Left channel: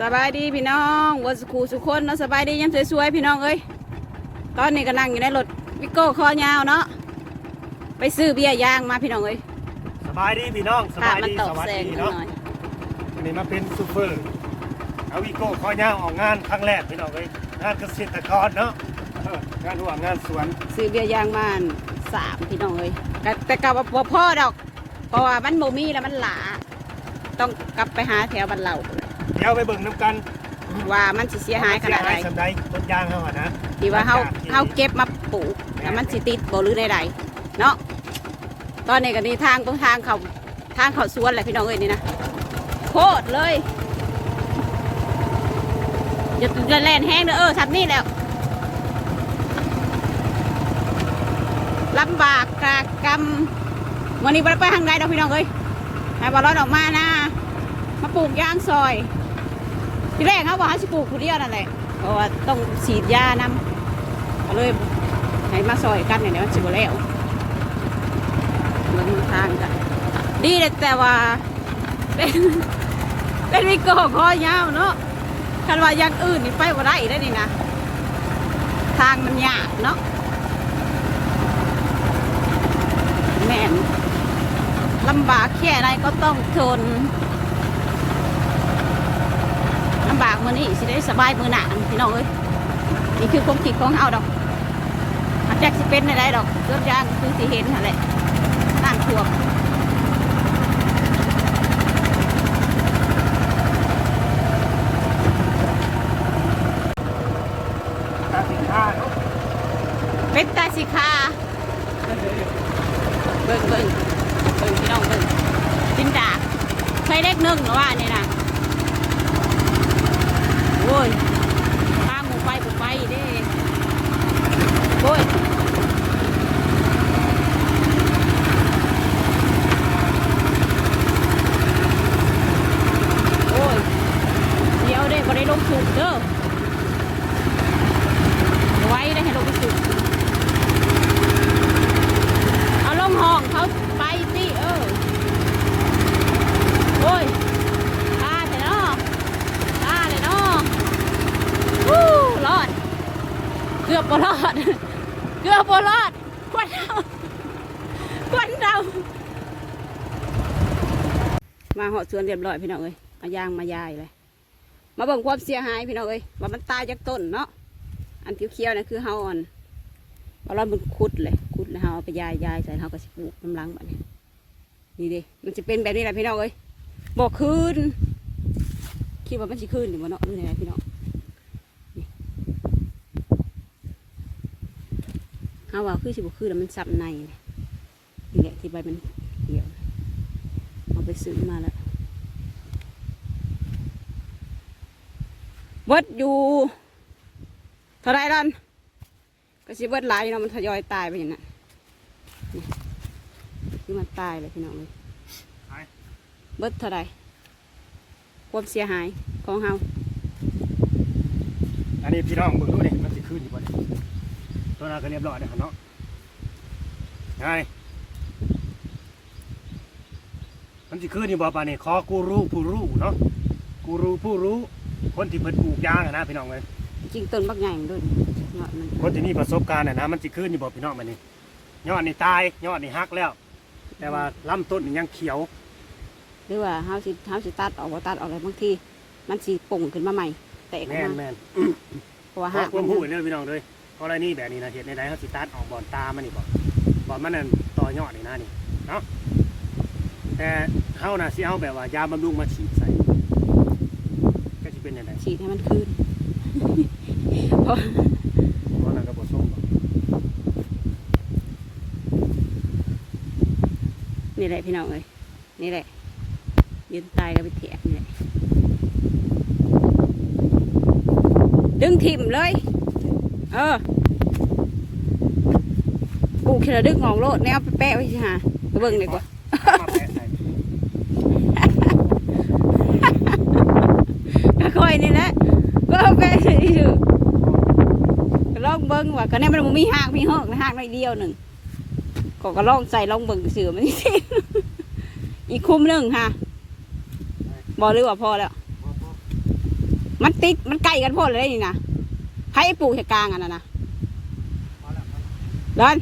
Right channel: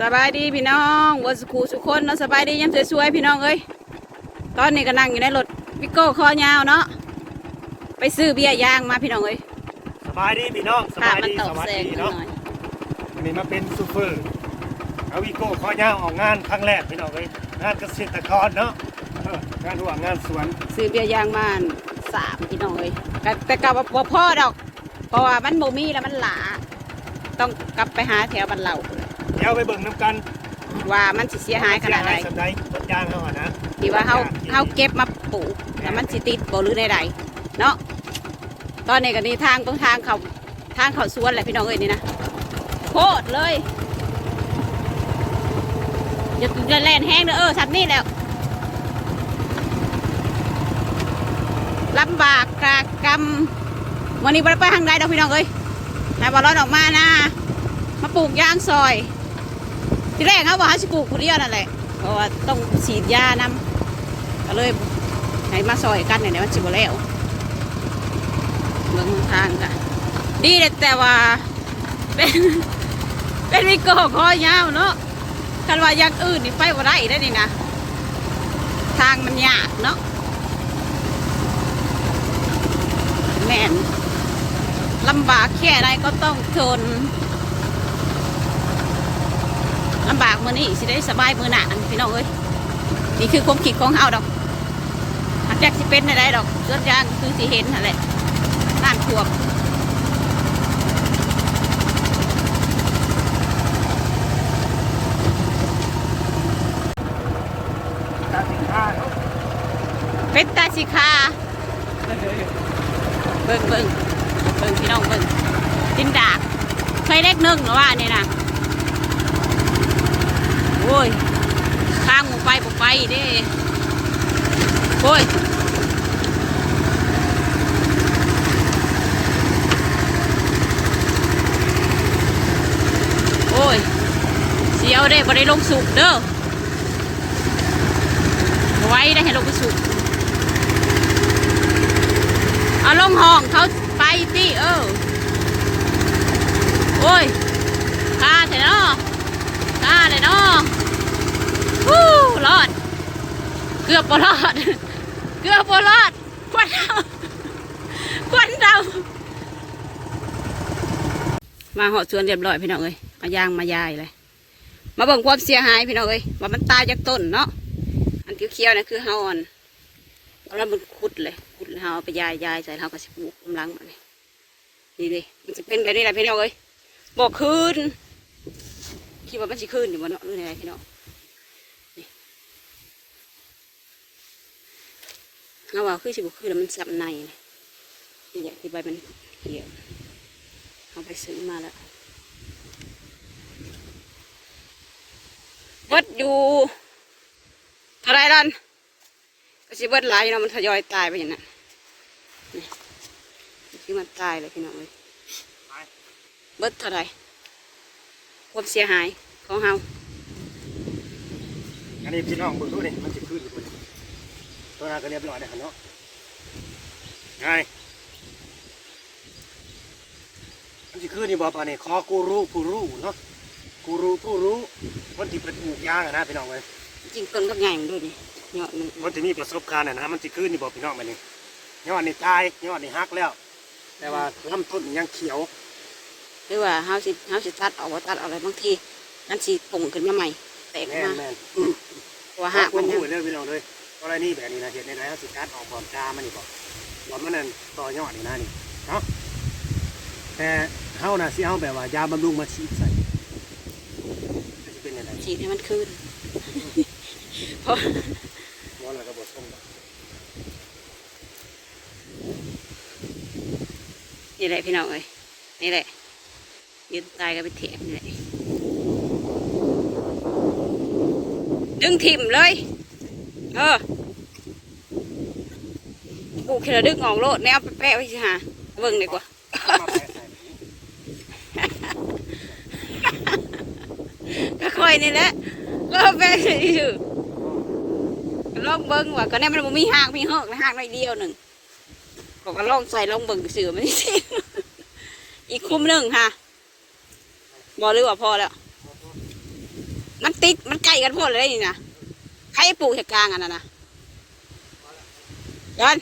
สบายดีพี่น้องวันสุขูสุขคนเนาะสบายดียังสวยๆพี่น้องเอ้ยตอนนี้ก็นั่งอยู่ในรถวิโก้คอยาวเนาะไปซื้อเบียร์ย่างมาพี่น้องเอ้ยสบายดีพี่น้องสค่ะบายมันดีตกสวัสแสงดีหน่เนาะอยวันนี้มาเป็นซูเปอร์เอาวิโก้ข้อย่างออกงานครั้งแรกพี่น้องเลยงานเกษตรกรเนาะเอองานหัวงานสวนซื้อเบียร์ย่างมาสามพี่น้องเอ้ยก็แต่กลับว่าบ่พ่อดอกเพราะว่ามันโมมี่แล้วมันหลาต้องกลับไปหาแถวบ้านเราเดี๋ยวไปเบิ่งน้ำกันว่ามันสิเสียหายขนาดไหนเสียหยสำใดต้นยางเขาอะนะที่ว่าเฮาเฮาเก็บมาปลูกแล้วมันสิติดบ่หรือใดๆเนาะตอนนี้ก็นี่ทางตรงทางเขาทางเขาสวนแหละพี่น้องเอ้ยนี่นะโคตรเลยอย่าอย่าแล่นแห้งเด้อเออชัดนี่แล้วลำบากกากกรรมวันนี้บ่ไปทางใดดอกพี่น้องเอ้ยให้บอลลอนออกมานะมาปลูกยางซอย ที่แรกเขาบอกให้สิปลูกคนเดียวนั่นแหละเพราะว่าต้องฉีดยานำก็เลยให้มาซอยกันเนี่ยเดี๋ยวมันสิบแล้วเมืองทางกันดีเลยแต่ว่าเป็นเป็นวิโก้คอยาวเนาะคันว่าอย่างอื่นนี่ไปว่าได้ได้นี่นะทางมันยากเนาะแม่นลำบากแค่ไหนก็ต้องทน ลำบากมือนี้สิได้สบายมือหนาพี่น้องเอ้ยนี่คือความคิดของเฮาดอกอาจจะสิเป็นอะไรดอกส่วนยางคือสิเห็นนั่นแหละน้ำท่วมการน้าเนาะเป็นตาสิคาเบิ่งเบิ่งเบิ่งพี่น้องเบิ่งจินดากใช้เล็กหนึ่งหรือว่านี่นะ โอ้ยข้างหมูไปบุไปเด้โอ้ยโอ้ยเสียวเด้บ่ได้ลงสุกเด้อไว้ได้ให้ลงไปสุกเอาลงห้องเขาไปสิเออโอ้ยกล้าแต่เนาะกล้าเลยเนาะวู้รอด เกือบบ่รอด เกือบบ่รอดควันดำควันดำมาเหาะสวนเรียบร้อยพี่น้องเอ้ยเอายางมายายเลยมาเบิ่งความเสียหายพี่น้องเอ้ยว่ามันตายจากต้นเนาะอันเขียวๆนั่นคือเฮาอ่อนเอาแล้วมันคุดเลยคุดแล้วเฮาเอาไปยายยายใส่เฮาก็สิปลูกกำลังแบบนี้นี่ดิมันจะเป็นแบบนี้แหละพี่น้องเอ้ยบอกคืนคิดว่ามันสิคืนอยู่บ่เนาะหรือไงพี่น้องนี่เฮาว่าคือสิบคืนแล้วมันซับในเนี่แหละที่ใบมันเหี่ยวเอาไปซื้อมาแล้วเบิดอยู่เท่าไรลันก็สิเบิดหลายเนาะมันทยอยตายไปอย่างนั้นนี่คือมันตายเลยพี่น้องเลยเบิดเท่าไรความเสียหายของเฮาอันนี้พี่น้องเบิ่งดูนี่มันจะขึ้นอยู่บน ตัวนั้นก็เรียบร้อยเลยครับเนาะไงมันจะขึ้นอยู่บ่ปานนี่ขอกูรู้ผู้รู้เนาะกูรู้ผู้รู้ คนที่เพิ่นปลูกยางอะนะพี่น้องเลยจริงต้นบักใหญ่มันด้วยนี่ยอดมันคนที่มีประสบการณ์น่ะนะมันจะขึ้นนี่บอกพี่น้องมันนี่ยอดนี่ตายยอดนี่หักแล้ว แต่ว่าลำต้นนี่ยังเขียว หรือว่าเฮาสิเฮาสิตัดออกว่าตัดออกอะไรบางทีนั่นสิป่งขึ้นมาใหม่แตกออกแม่นมาแม่นเพราะว่าหัหากกมัมันนหูยังเลยพี่น้องเลย เพราะอะไรนี่แบบนี้นะเห็ดในไหนเขาสิตัดออกบอนตามันนี่บอกบอนมันนั่นต่อยอดนี่นะนี่เนาะแต่เฮาน่ะสิเอาแบบว่ายาบำรุงมาฉีดใส่ก็จะเป็นยังไงฉีดให้มันคืนเพราะเพราะนั่นระบบส้มดอกนี่แหละพี่น้องเอ้ยนี่แหละยืนตายกันไปเถียงนี่แหละดึงถิ่มเลย เออปลู กูแค่ละดึกงออกโลดแนวไปแปะไว้สิหาเบิ่งดีกว่าเอามาแปะใส่ก็ค่อยนี่แหละก็แปะอยู่ลองเบิ่งว่าก็แน่มันบ่มีหากมีหอกนะหากน้อยเดียวหนึ่งก็ก็ลองใส่ลองเบิ่งเสือมันสิอีกคุ้มหนึ่งค่ะบอหรือว่าพอแล้ว มันติดมันใกล้กันพดเลยนี่นะใครปลูกใส่กลางอันนั้นนะดอน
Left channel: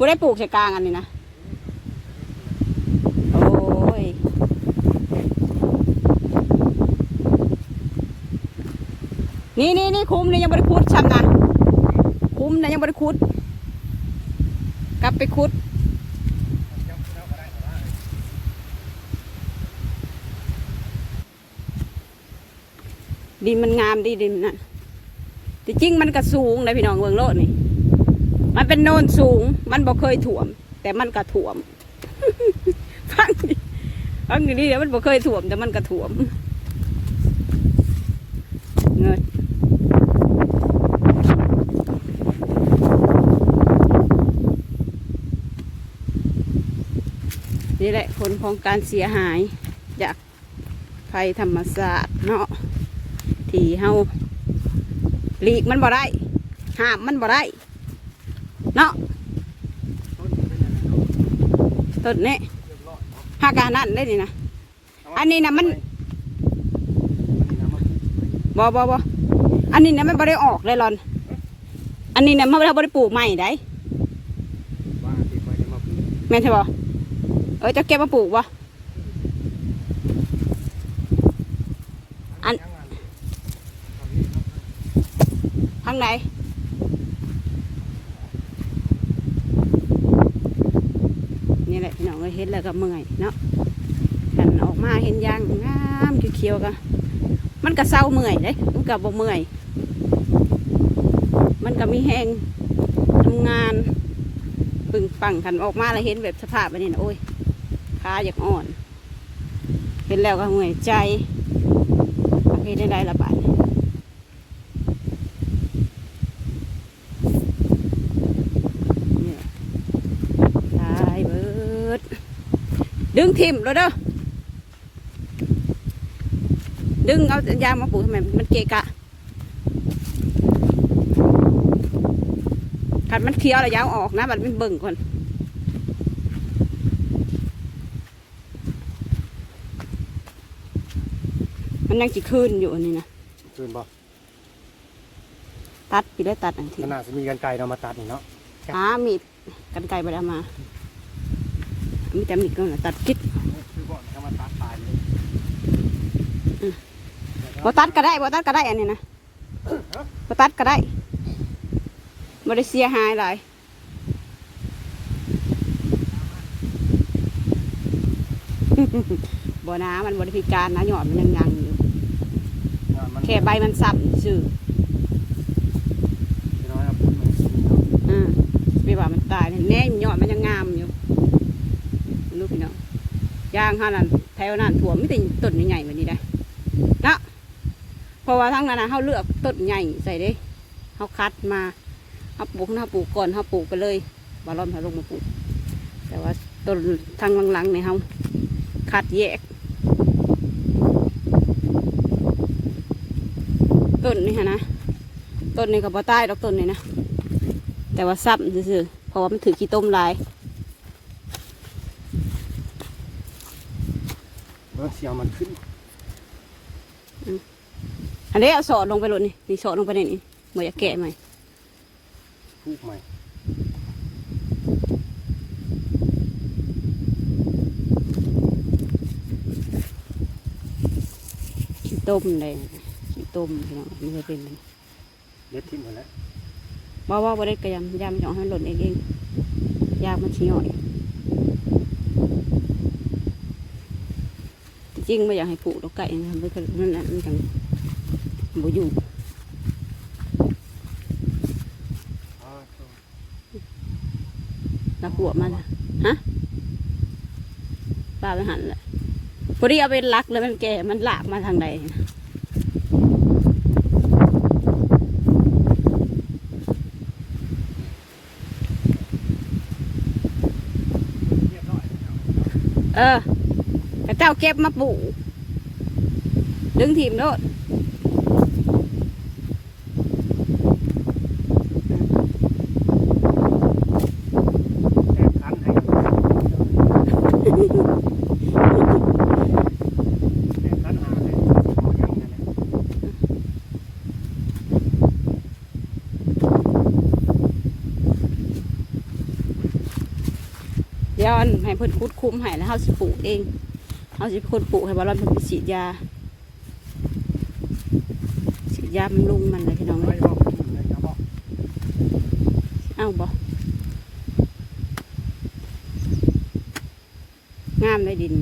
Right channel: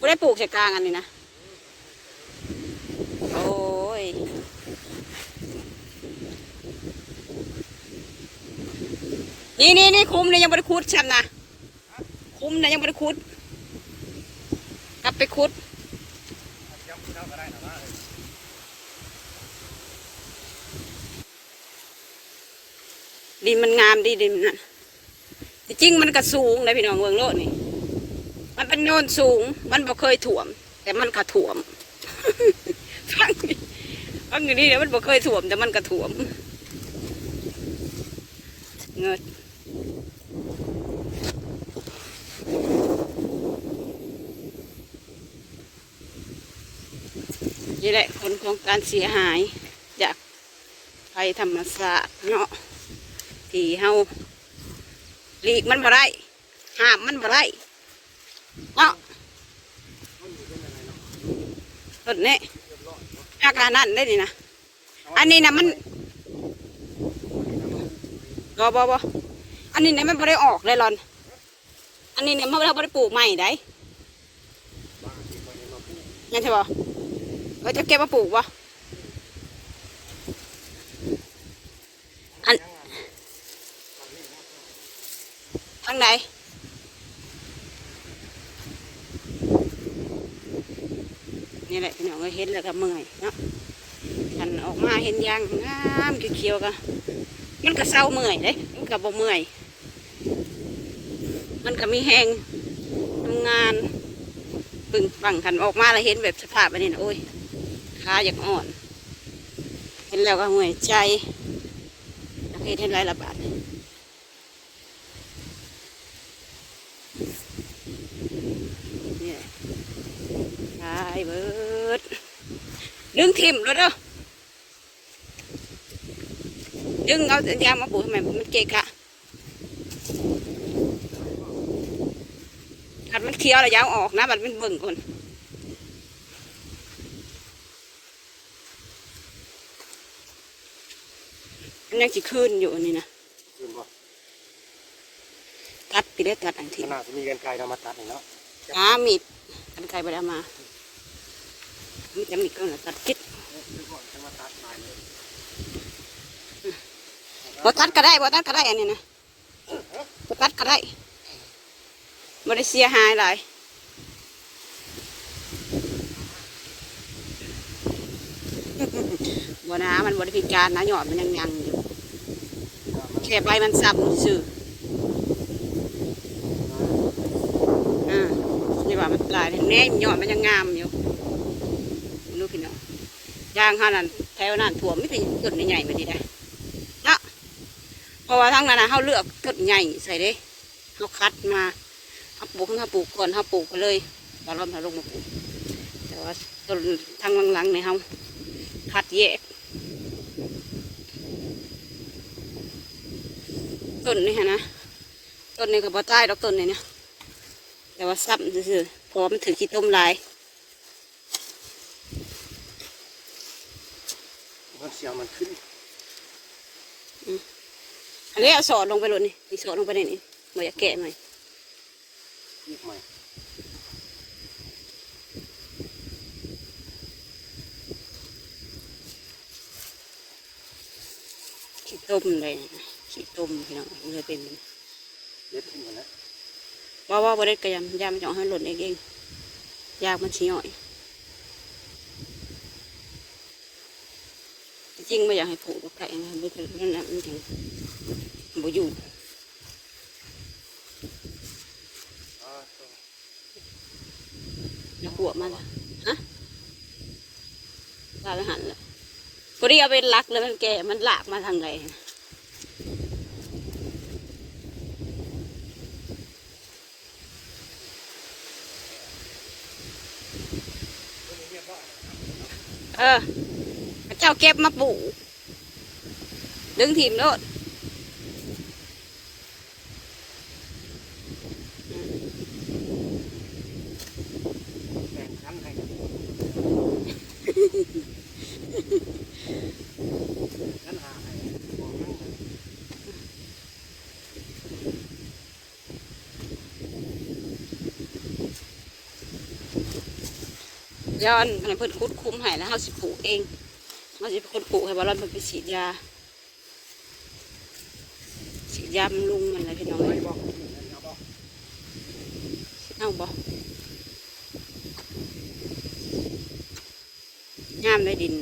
กูได้ปลูกใส่กลางอันนี้นะ โอ้ย นี่นี่นี่คุ้มนี่ยังไม่ได้คุดฉันนะคุ้มนะยังไม่ได้คุด กลับไปคุดดินมันงามดีดินมันนั่นจริงมันก็สูงเลยพี่น้องเมืองโลดนี่ มันเป็นโนนสูง มันบ่เคยถ่วม แต่มันก็ถ่วม ฟังฟังอย่างนี้เดี๋ยวมันบ่เคยถ่วม แต่มันก็ถ่วมเงิดนี่แหละผลของการเสียหายจากภัยธรรมศาสตร์เนาะที่เฮาหลีกมันบ่ได้ห้ามมันบ่ได้เนาะ ต้นนี้หากานั่นได้นี่นะอันนี้นะมันบ่บ่บ่อันนี้นะมันบ่ได้ออกเลยหรอน อันนี้นะมันได้บ่ได้ปลูกใหม่ได้ไปมาปลูกแม่นใช่บ่เออจะเก็บมาปลูกบ่อันทางไหน นี่แหละพี่น้องเอ้ยเห็นแล้วก็เมื่อยเนาะกันออกมาเห็นยางงามเขียวๆก็มันก็เศร้าเมื่อยเลยมันก็บ่เมื่อย มันก็มีแหงทำงานปึงปังกันออกมาแล้วเห็นแบบสภาพแบบนี้นะโอ้ยขาอยากอ่อน เห็นแล้วก็เมื่อยใจโอเคได้ไรละบาท นี่แหละตายเบิด ดึงทิมเลยเด้อดึงเอายางมาปลูกทำไมมันเกะกะขัดมันเคี้ยวแล้วยาวออกนะมันเป็นเบิ่งก่อนมันยังสิขึ้นอยู่อันนี้นะคืนบ่ตัดไปได้ตัดอันทีขนาดจะมีกันไกลเรามาตัดนี่เนาะหามีดกันไกลไปแล้วมา มีแต่มีดก็นะตัดคิดคือก่อนจะมาตัดตายเลยบ่ตัดก็ได้บ่ตัดก็ได้อันนี้นะบ่ตัดก็ได้บ่ได้เสียหายหลายบ่นะมันบ่ได้พิการนะยอดมันยังยังอยู่มันแค่ใบมันซ้ำซื่อน้อยอ่าไม่ว่ามันตายแน่ยอดมันยังงามอยู่รู้ พี่น้องยางห้านั่นแถวนั้นถั่วไม่แต่ต้นใหญ่แบบนี้ได้เนาะเพราะว่าทั้งนั้นนะเขาเลือกต้นใหญ่ใส่เด้เขาคัดมาเขาปลูกเขาปลูกก่อนเขาปลูกไปเลยบาลอนเขาลงมาปลูก แต่ว่าต้นทางหลังๆเนี่ยเขาคัดแยกต้นนี่ฮะนะต้นนี้ก็บ่ใต้ดอกต้นนี่นะแต่ว่าซ้ำซื่อเพราะว่ามันถือขี้ต้มลาย เสียงมันขึ้นอันนี้เอาสอดลงไปเลยนี่นี่สอดลงไปนี่นี่บ่อยากแกะไหมพูกใหม่ขี้ต้มเลยขี้ต้มพี่น้องมันเลยเป็นแบบนี้เล็ดทิ้งหมดแล้วบ่ว่าบ่ได้กระยำยามันจะเอาให้หล่นเองเองยากมันชี้ย่อย จริงไม่อยากให้ผูกดอกไก่นะไม่เคยนั่นน่ะมันจังบ่อยู่แล้วหัวมันฮะปลาไปหันแหละพอดีเอาไปลักแล้วมันแก่มันลากมาทางไหนเออ แต่เจ้าเก็บมาปลูกดึงถิ่มโลดย้อนให้เพิ่นคุดคุ้มหายแล้วเฮาสิปลูกเอง เฮาสิคนปลูกให้บอลอนเพิ่นไปฉีดยาฉีดยาบำรุงมันเลยพี่น้องเอ้ยเอาบองามเลยดิน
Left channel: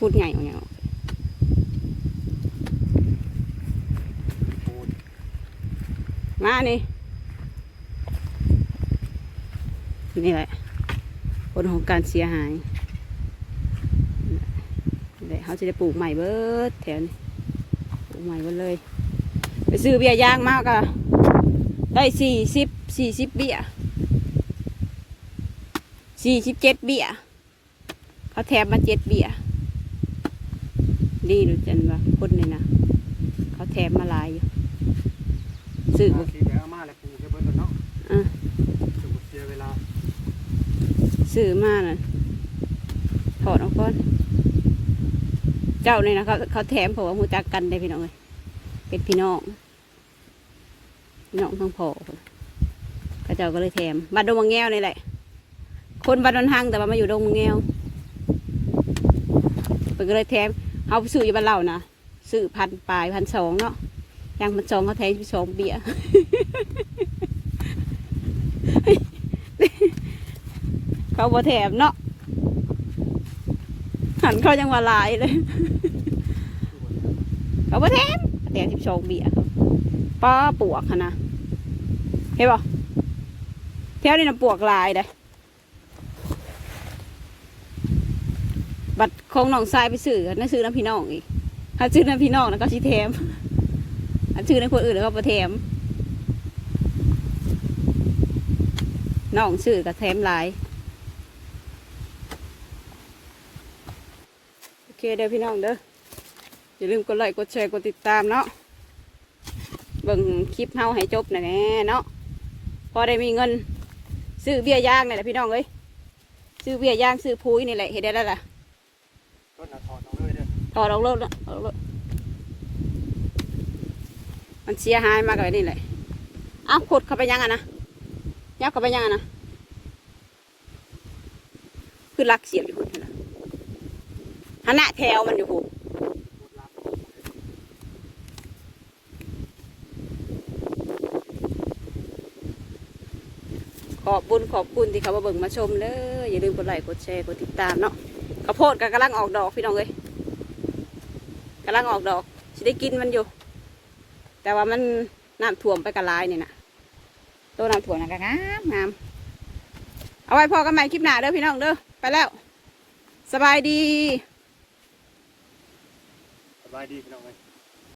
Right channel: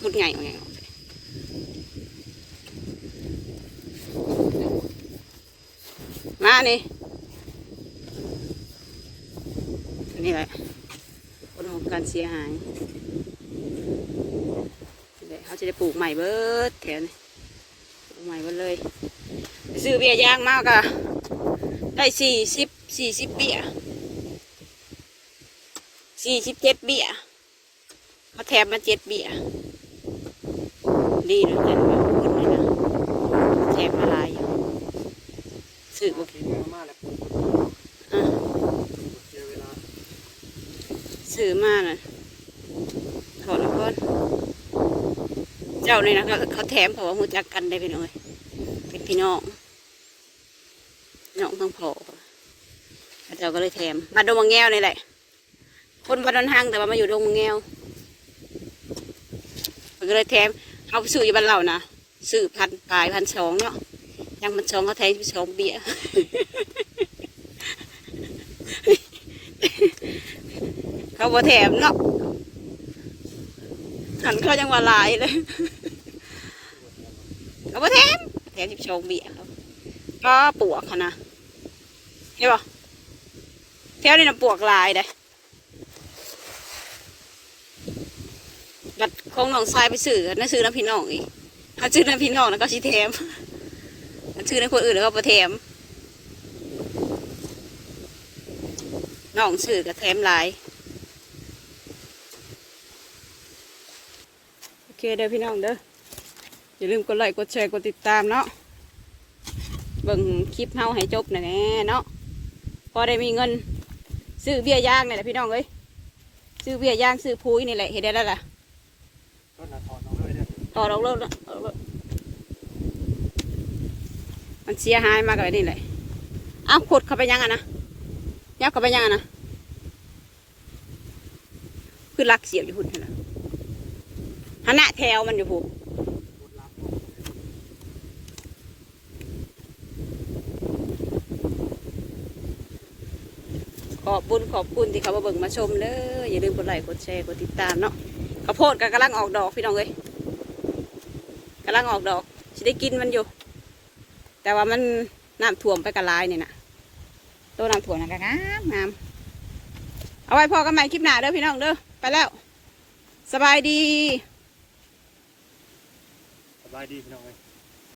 พูดไงเอาไงานี่ นี่แหละ ผลของการเสียหายนี่แหละเขาจะได้ปลูกใหม่เบิดแถวนี้ปลูกใหม่เบิดเลย ไปซื้อเบียยางมากอะได้สี่สิบสี่สิบเบียสี่สิบเจ็ดเบียเขาแถมมาเจ็ดเบียดีเลยจันว่าคนเลยนะเขาแถมมาลายอยู่ซื้อบ่ กินเนื้อมาแล้วปรุงไปเบิ่งเนาะ อะ คือบ่เสียเวลา ซื้อมาน่ะถอดออกก่อน เจ้านี่นะเขาเขาแถมเพราะว่าหูจักกันได้พี่น้องเลยเป็นพี่น้องน้องทั้งพอเขาเจ้าก็เลยแถมบ้าดงมังแงวนี่แหละ คนบ้านดอนหังแต่ว่ามาอยู่ดงมังแงวเพิ่นก็เลยแถมเขาซื้ออยู่บ้านเรานะซื้อพันปลายพันสองเนาะยางพันสองเขาแถมไปสองเบี้ย เขาบ่แถมเนาะหันเขายังว่าหลายเลยเขาบ่แถมแถมสิบสองเบี้ยเขาป้าปวกค่ะนะเห็นป่แถวนี้น่ะปวกหลายเด้บัดของน้องทรายไปซื้อนั่นซื้อน้ำพี่น้องอีกถ้าซื้อน้ำพี่น้องแล้วก็สิแถมถ้าซื้อน้ำคนอื่นแล้วก็บ่แถมน้องซื้อก็แถมหลาย โอ เคเด้อพี่น้องเด้ออย่าลืมกดไลค์กดแชร์กดติดตามเนาะเบิ่งคลิปเฮาให้จบหน่อยแน่เนาะพอได้มีเงิน ซื้อเบี้ยย่างนี่แหละพี่น้องเอ้ยซื้อเบี้ยย่างซื้อพุ้ยนี่แหละเห็นได้แล้วล่ะต้นน่ะถอดเอาเลยเด้อถอดออกรถละออกรถมันเสียหายมากเลยนี่แหละเอาขุดเข้าไปยังอะนะยับเข้าไปยังอะนะคือลักเสียบอยู่พุ่นนั่นล่ะหัน หน้าแถวมันอยู่พุ่นพูขอบบุญขอบคุณที่เขามาเบิ่งมาชมเลยอย่าลืมกดไลค์กดแชร์กดติดตามเนาะข้าวโพดก็กำลังออกดอกพี่น้องเลยกำลังออกดอกจะได้กินมันอยู่ แต่ว่ามันน้ำท่วมไปกระลายนี่นะตัวน้ำท่วมนะก็งามงามเอาไว้พอกันใหม่คลิปหน้าเด้อพี่น้องเด้อไปแล้ว สบายดี บายดีพี่น้องเอ้ย